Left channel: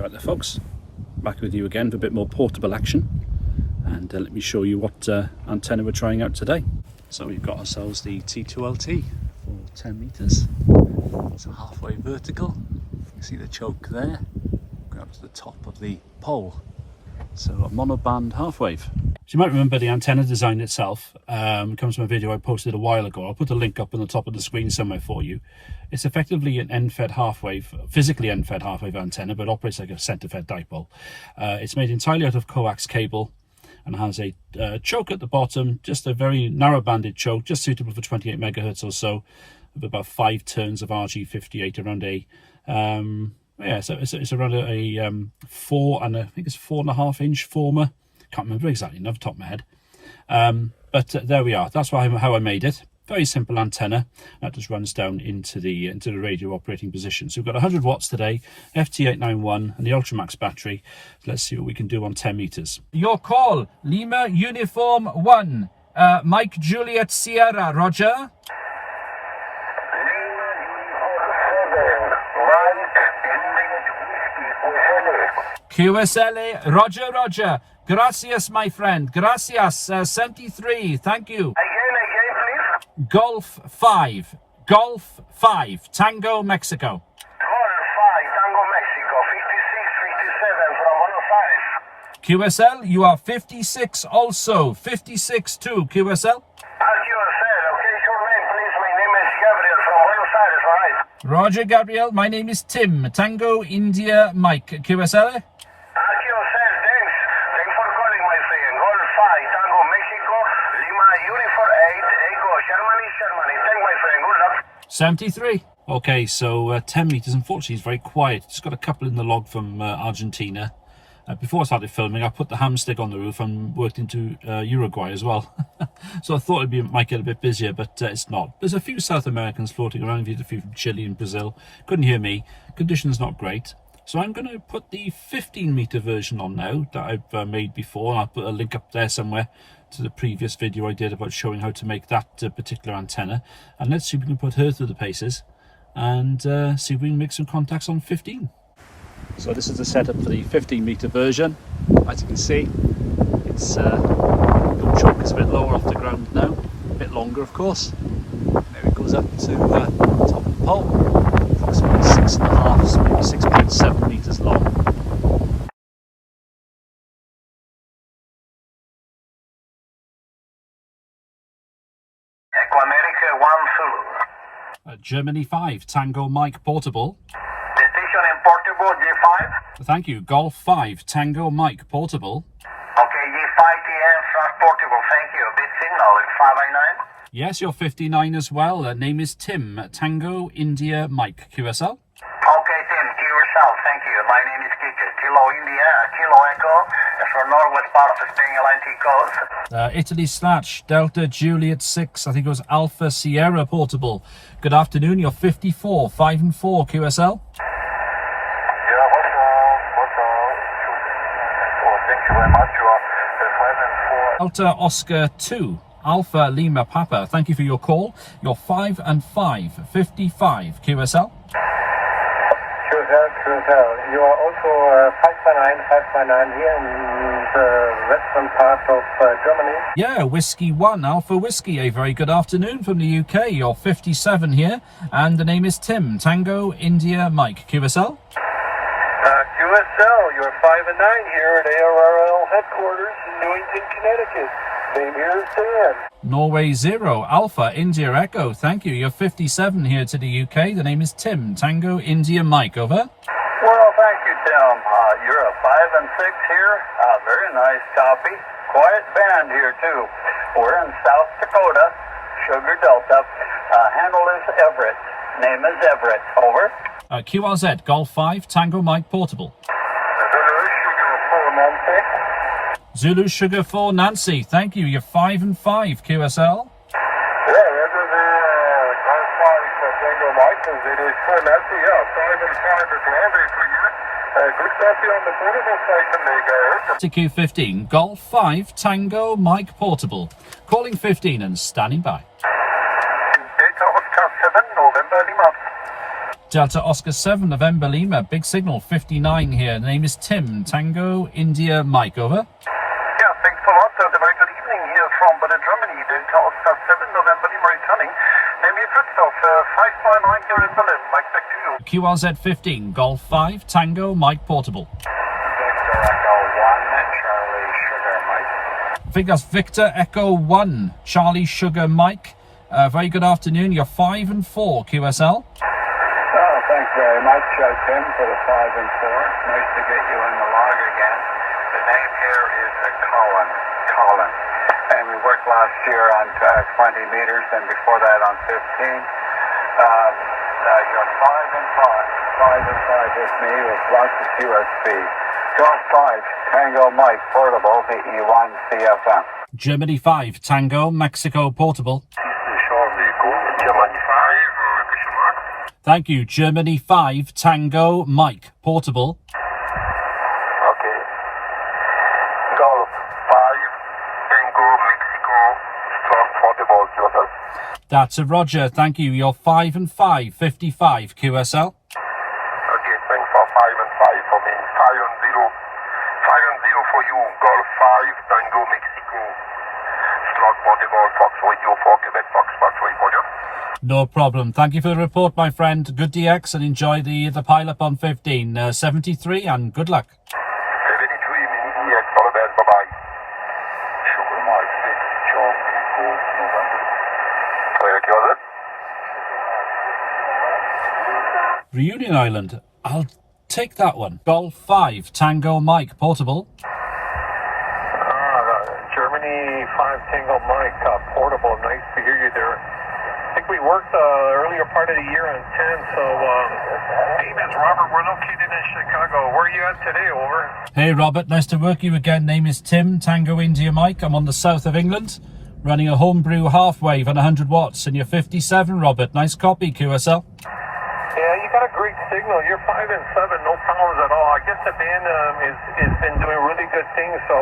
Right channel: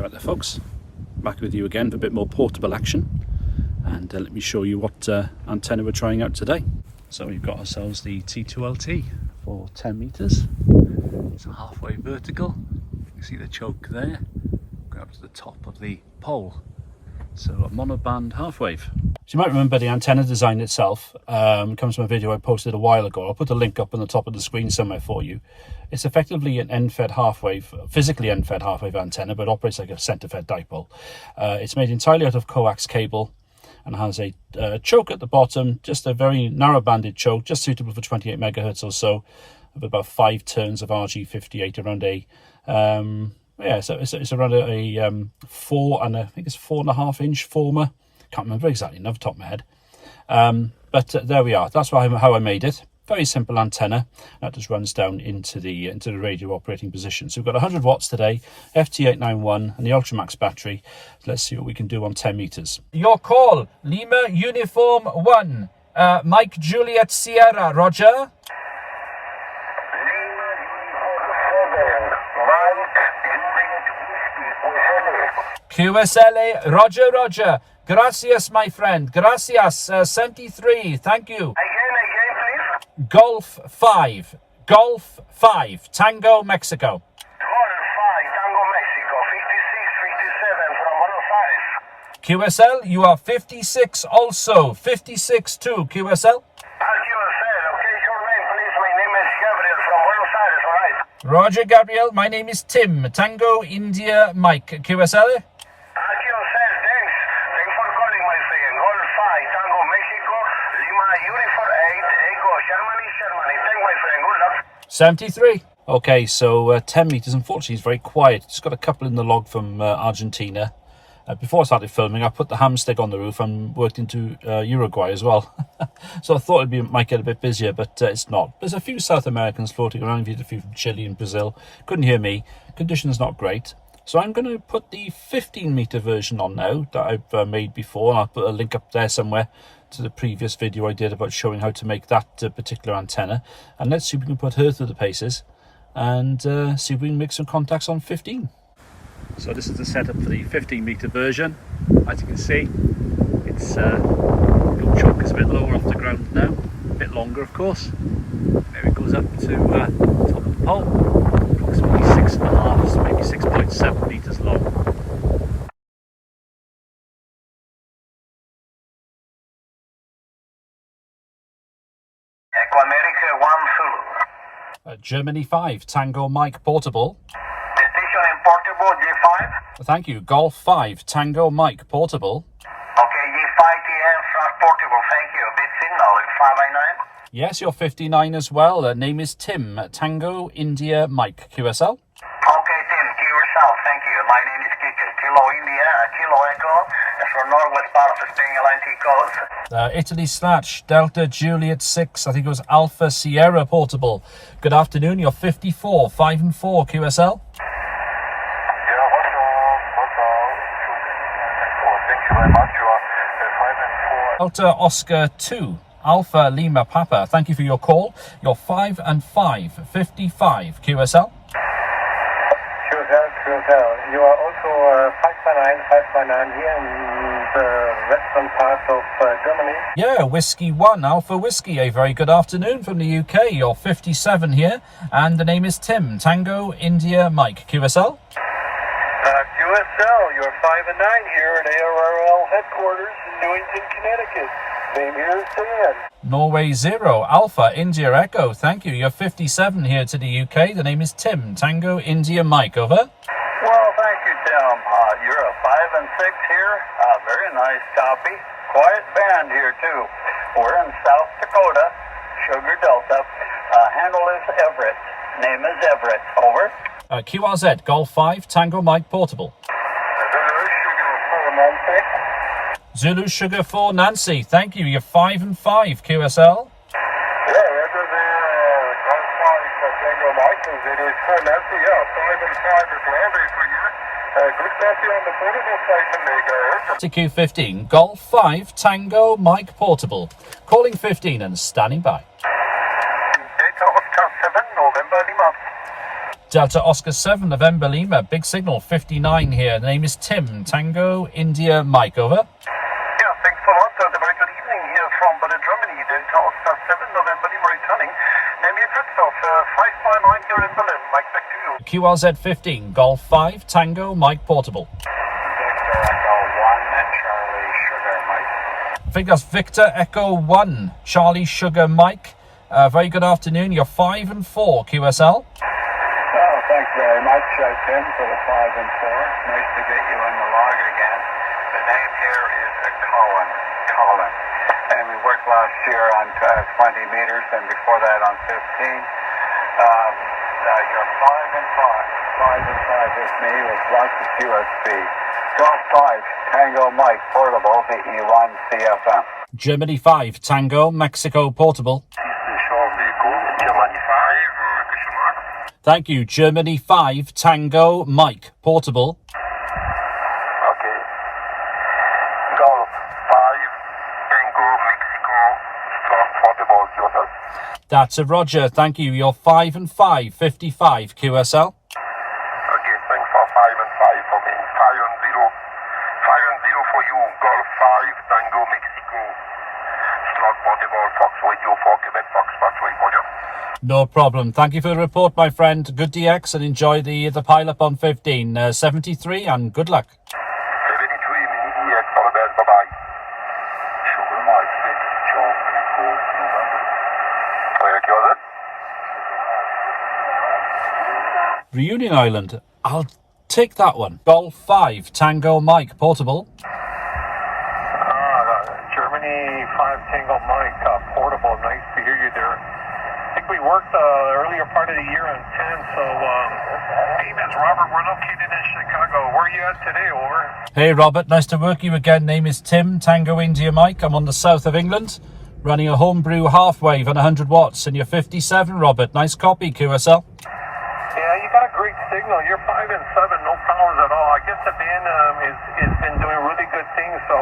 Right there folks, back with you again for a bit more portable action, and let me show you what antenna we're trying out today. So we've got ourselves the T2LT for 10 meters. It's a halfway vertical. You can see the choke there, going up to the top of the pole. So a monoband half-wave. So you might remember the antenna design itself comes from a video I posted a while ago. I'll put a link up on the top of the screen somewhere for you. It's effectively an end-fed half-wave, physically end-fed half-wave antenna, but operates like a center-fed dipole. It's made entirely out of coax cable and has a choke at the bottom, just a very narrow-banded choke, just suitable for 28 megahertz or so, with about 5 turns of RG58 around a yeah, so it's around a 4 and I think it's 4.5 inch former. Can't remember exactly off the top of my head. But there we are. That's how I made it. Very simple antenna. That just runs down into the radio operating position. So we've got 100 watts today, FT891 and the Ultramax battery. Let's see what we can do on 10 meters. Your call, Lima Uniform 1, Mike Juliet Sierra, Roger. QSLA, Roger, Roger. Gracias, my friend. Gracias. 73. Thank you. Again, please. Golf 5. Golf 5. Tango, Mexico. Golf 5, Tango, Mexico. 56, 57 from Buenos Aires. QSL, you are 56 also. 56 too, QSL. As you said, okay, your name, please. My name is Gabriel from Buenos Aires, all right? Roger, Gabriel. My name is Tim. Tango, India, Mike. QSL. Thanks for calling, my friend. Golf 5, Tango, Mexico, Lima, Uniform 8, Echo, Germany. Thank my friend. Good luck. 73. Okay, so 10 meters. Unfortunately, it's very quiet. Just got a couple in the log from Argentina. Before I started filming, I put the hamstick on the roof and worked into Uruguay as well. So I thought might get a bit busier, but it's not. There's a few South Americans floating around. Viewed a few from Chile and Brazil. Couldn't hear me. Conditions not great. So I'm going to put the 15 meter version on now that I've made before. And I'll put a link up there somewhere to the previous video I did about showing how to make that particular antenna. And let's see if we can put her through the paces and see if we can make some contacts on 15. So this is the setup for the 15 meter version. As you can see, it's the choke is a bit lower off the ground now, a bit longer of course. There it goes up to the top of the pole, approximately 6.5, maybe 6.7 meters long. Echo America 1 Zulu. Germany 5, Tango Mike Portable. Station in Portable, G5. Thank you. Golf 5, Tango Mike Portable. Okay, G5 TM Portable, thank you. Big signal, it's 5I9. Yes, you're 59 as well. Name is Tim, Tango India Mike, QSL. Okay, Tim, to yourself, thank you. My name is Kike, Kilo India, Kilo Echo, that's for northwest part of the Spain Atlantic coast. Italy / Delta Juliet 6, I think it was Alpha Sierra Portable. Good afternoon, you're 54, 5 and 4, QSL. Yeah, what's wrong? Thank you very much. You are 5 and 4. Delta Oscar 2, Alpha Lima Papa, thank you for your call. You're 5 and 5, 55, QSL. You are also 559 here in the western part of Germany. Yeah, Whiskey 1, Alpha Whiskey, a very good afternoon from the UK. You're 57 here, and the name is Tim, Tango India Mike, QSL. QSL, you're 5 and 9 here at ARRL headquarters in Newington, Connecticut. Name here is Dan. Norway 0, Alpha India Echo, thank you. You're 57 here to the UK. The name is Tim, Tango India Mike, over. Well, thank you, Tim. You're a 5 and 6 here. Very nice copy. Quiet band here, too. We're in South Dakota, Sugar Delta. Handle is Everett. Name is Everett. Over. QRZ, Golf 5, Tango Mike Portable. Zulu Sugar 4 Nancy, thank you. You're 5 and 5, QSL. Yeah, this is Golf 5 Tango Mike, as it is for Nancy. Yeah, 5 and 5 is lovely for you. Good copy on the portable station, there, TQ15, Golf 5, Tango Mike Portable. Calling 15 and standing by. Delta Oscar 7, November Lima. Delta Oscar 7, November Lima, big signal, 59 here. The name is Tim, Tango, India, Mike, over. Yeah, thanks a lot. Very good evening here from Germany. Delta Oscar 7, November Lima returning. Name is Christoph, 549 here in Berlin. Mike, back to you. QRZ 15, Golf 5, Tango, Mike, portable. Victor Echo 1, Charlie Sugar, Mike. I think that's Victor Echo 1, Charlie Sugar, Mike. Very good afternoon. You're 5 and 4, QSL. Thanks very much, Tim, for the 5 and 4. Nice to get you in the log again. The name here is Colin. And we worked last year on 20 meters and before that on 15. You're 5 and 5 with me with lots of QSB. Golf 5, Tango Mike, portable, VE1 CFM. Germany 5, Tango, Mexico, portable. Thank you. Germany 5, Tango, Mike, portable. Okay. Golf 5, Tango, Mexico, portable, QSL. That's a Roger. Thank you. You're 5 and 5, 55, QSL. Okay, thanks for 5 and 5 for me. 5 and 0. 5 and 0 for you. Golf 5, Tango, Mexico, portable, Fox Radio 4, Quebec, Fox, Roger. No problem. Thank you for the report, my friend. Good DX and enjoy the pile-up on 15. 73 and good luck. 73, mini DX, all the best, bye-bye. Sugar Mike, 6, Charlie, Gold, November. Reunion Island. I'll take that one. Golf 5, Tango, Mike, portable. Germany 5, Tango Mike, portable. Nice to hear you there. I think we worked the earlier part of the year on 10, so name is Robert. We're located in Chicago. Where are you at today, over? Hey, Robert. Nice to work you again. Name is Tim, Tango, India, Mike. I'm on the south of England, running a homebrew half-wave on 100 watts, and you're 57, Robert. Nice copy, QSL. Yeah, you got a great signal. You're 5 and 7, no problems at all. I guess the band has been doing really good things, so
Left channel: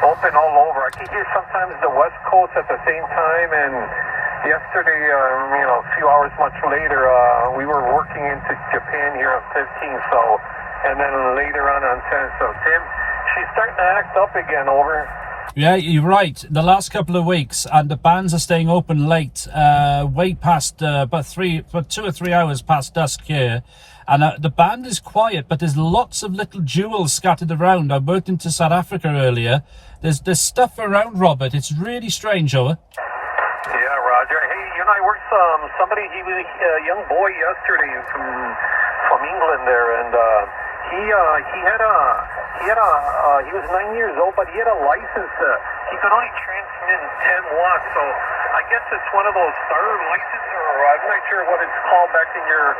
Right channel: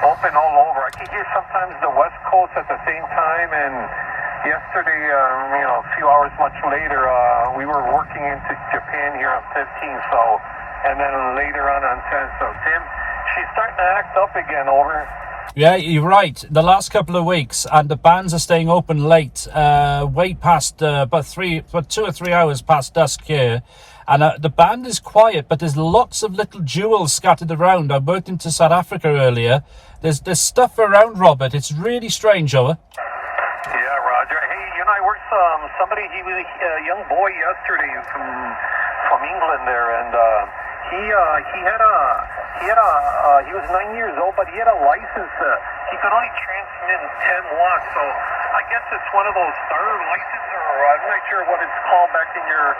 open all over. I can hear sometimes the West Coast at the same time, and yesterday, a few hours much later, we were working into Japan here on 15, so, and then later on 10. So, Tim, she's starting to act up again, over. Yeah, you're right. The last couple of weeks, and the bands are staying open late, way past about 2 or 3 hours past dusk here. And the band is quiet, but there's lots of little jewels scattered around. I worked into South Africa earlier. There's stuff around, Robert. It's really strange, over. Yeah, Roger. Hey, I worked somebody. He was a young boy yesterday from England there, and he was 9 years old, but he had a license. He could only transmit 10 watts, so I guess it's one of those starter licenses, or I'm not sure what it's called back in your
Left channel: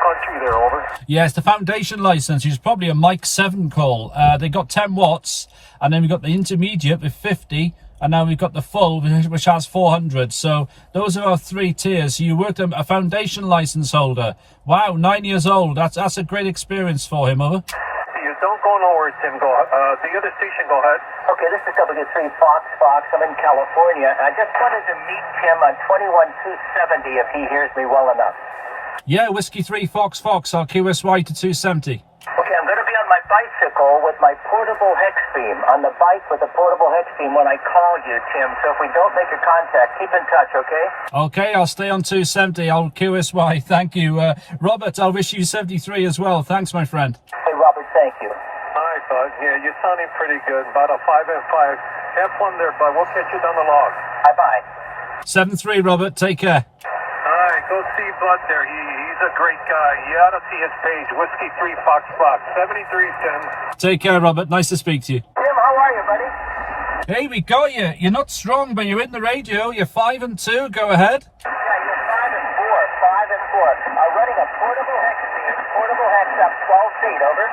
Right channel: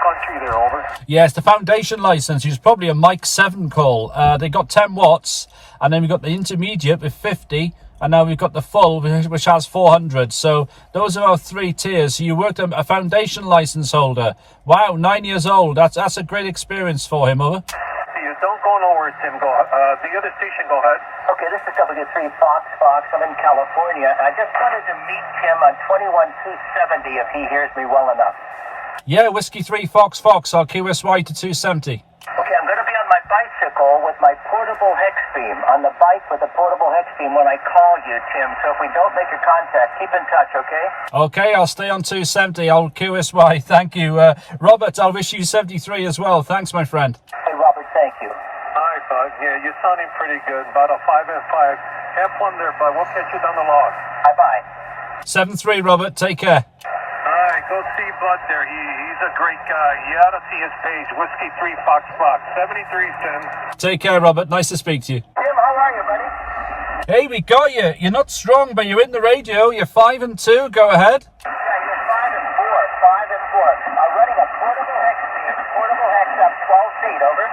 country there, over. Yes, the foundation license is probably a Mike 7 call. They got 10 watts, and then we've got the intermediate with 50, and now we've got the full, which has 400. So those are our 3 tiers. So you worked a foundation license holder. Wow, 9 years old. That's a great experience for him, over. You don't go nowhere, Tim. Go. The other station, go ahead. Okay, this is W3 Fox. I'm in California. I just wanted to meet Tim on 21270 if he hears me well enough. Yeah, Whiskey 3 Fox, I'll QSY to 270. Okay, I'm going to be on my bicycle with my portable hex beam. On the bike with a portable hex beam when I call you, Tim. So if we don't make a contact, keep in touch, okay? Okay, I'll stay on 270. I'll QSY. Thank you. Robert, I'll wish you 73 as well. Thanks, my friend. Hey, Robert, thank you. All right, bud. Yeah, you're sounding pretty good. About a 5 and 5. Have fun there, bud. We'll catch you down the log. Bye-bye. 7-3, Robert. Take care. All right, go see Bud there. He's a great guy. You ought to see his page. Whiskey 3 Fox. 73, Tim. Take care, Robert. Nice to speak to you. Tim, how are you, buddy? Hey, we got you. You're not strong, but you're in the radio. You're 5 and 2. Go ahead. Yeah, you're 5 and 4. 5 and 4. Running a portable hex beam. Portable hex up 12 feet, over.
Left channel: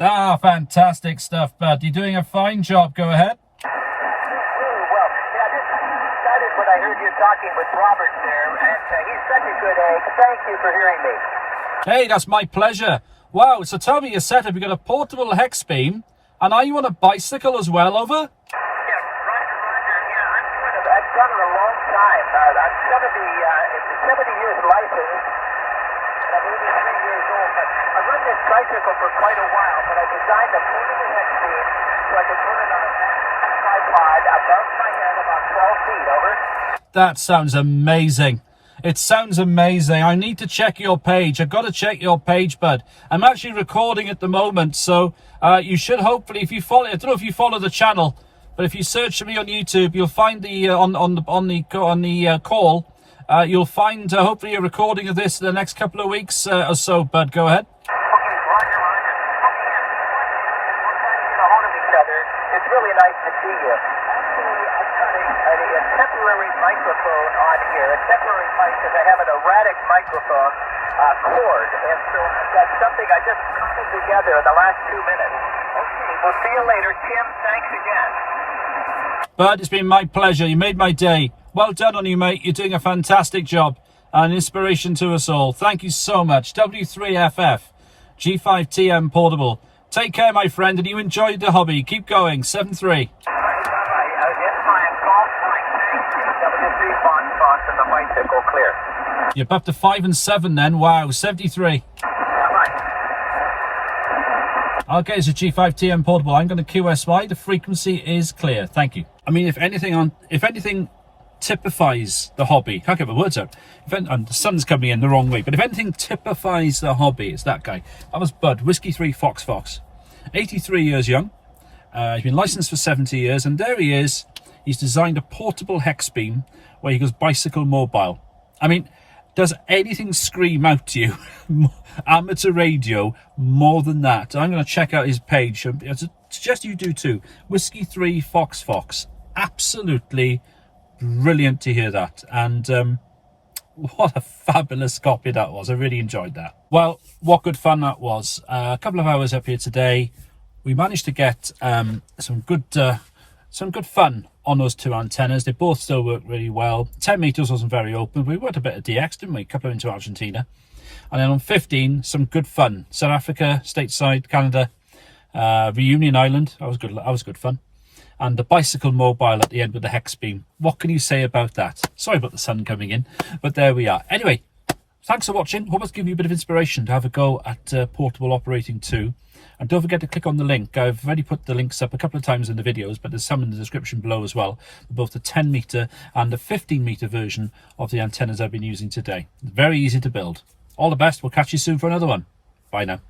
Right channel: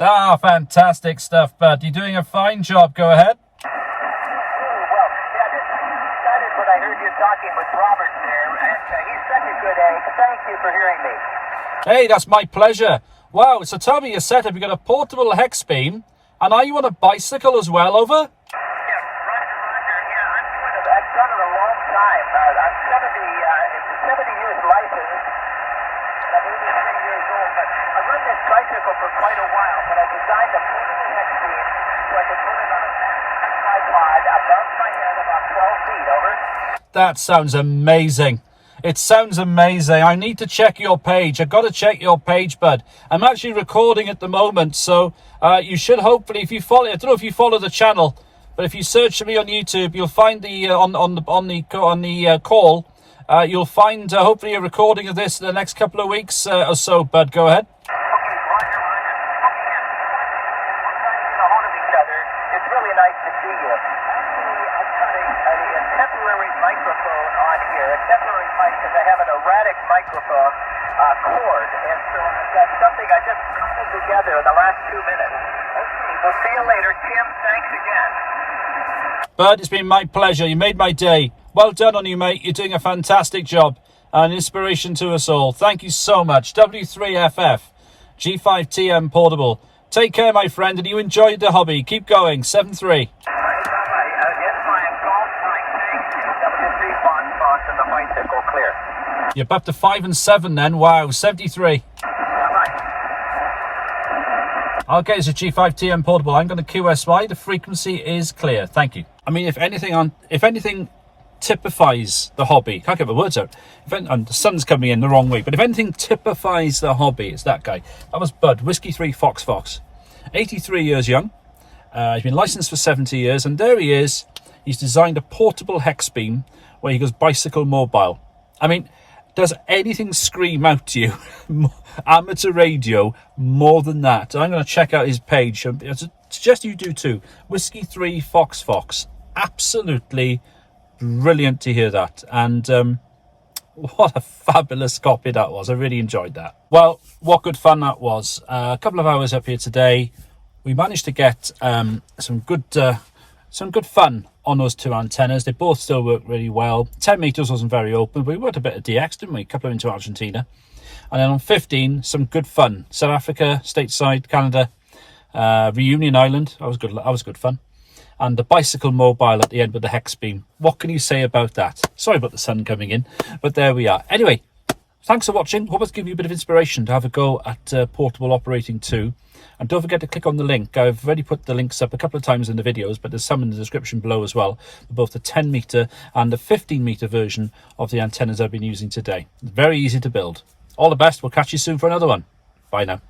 Ah, fantastic stuff, bud. You're doing a fine job. Go ahead. Really well. Yeah, this started when I heard you talking with Robert there, and he's such a good egg. Thank you for hearing me. Hey, that's my pleasure. Wow, so tell me your setup. You've got a portable hex beam, and are you on a bicycle as well, over? Yeah, Roger. Yeah, I've done it a long time. I'm 70, it's a 70 years license. I mean, and I designed a portable hex beam so I could put it on a tripod above my head about 12 feet, over. That sounds amazing. It sounds amazing. I need to check your page. I've got to check your page, bud. I'm actually recording at the moment, so you should hopefully, if you follow, I don't know if you follow the channel, but if you search for me on YouTube, you'll find the on the call. You'll find hopefully a recording of this in the next couple of weeks or so. Bud, go ahead. It's really nice to see you. Actually, I'm cutting a temporary microphone on here. A temporary mic because I have an erratic microphone cord, and so that's something I just put together in the last 2 minutes. Okay, we'll see you later, Tim. Thanks again. Bud, it's been my pleasure. You made my day. Well done on you, mate. You're doing a fantastic job. An inspiration to us all. Thank you so much. W3FF, G5TM Portable. Take care, my friend, and you enjoyed the hobby. Keep going. 7-3. You're up to 5 and 7 then. Wow, 73. Okay, it's a G5TM Portable. I'm going to QSY. The frequency is clear. Thank you. I mean, if anything typifies the hobby, can't get the words out. And the sun's coming in the wrong way, but if anything typifies the hobby, it's that guy. That was Bud, Whiskey 3 Fox. 83 years young. He's been licensed for 70 years, and there he is. He's designed a portable hex beam where he goes bicycle mobile. I mean, does anything scream out to you, amateur radio, more than that? I'm going to check out his page. I suggest you do too. Whiskey 3 Fox. Absolutely brilliant to hear that. And what a fabulous copy that was. I really enjoyed that. Well, what good fun that was. A couple of hours up here today. We managed to get some good fun on those two antennas. They both still work really well. 10 meters wasn't very open. We worked a bit of DX, didn't we? A couple of into Argentina. And then on 15, some good fun. South Africa, stateside, Canada, Reunion Island. That was good fun. And the bicycle mobile at the end with the hex beam. What can you say about that? Sorry about the sun coming in, but there we are. Anyway, thanks for watching. Hope it's given you a bit of inspiration to have a go at portable operating too. And don't forget to click on the link. I've already put the links up a couple of times in the videos, but there's some in the description below as well, for both the 10 meter and the 15 meter version of the antennas I've been using today. Very easy to build. All the best. We'll catch you soon for another one. Bye now.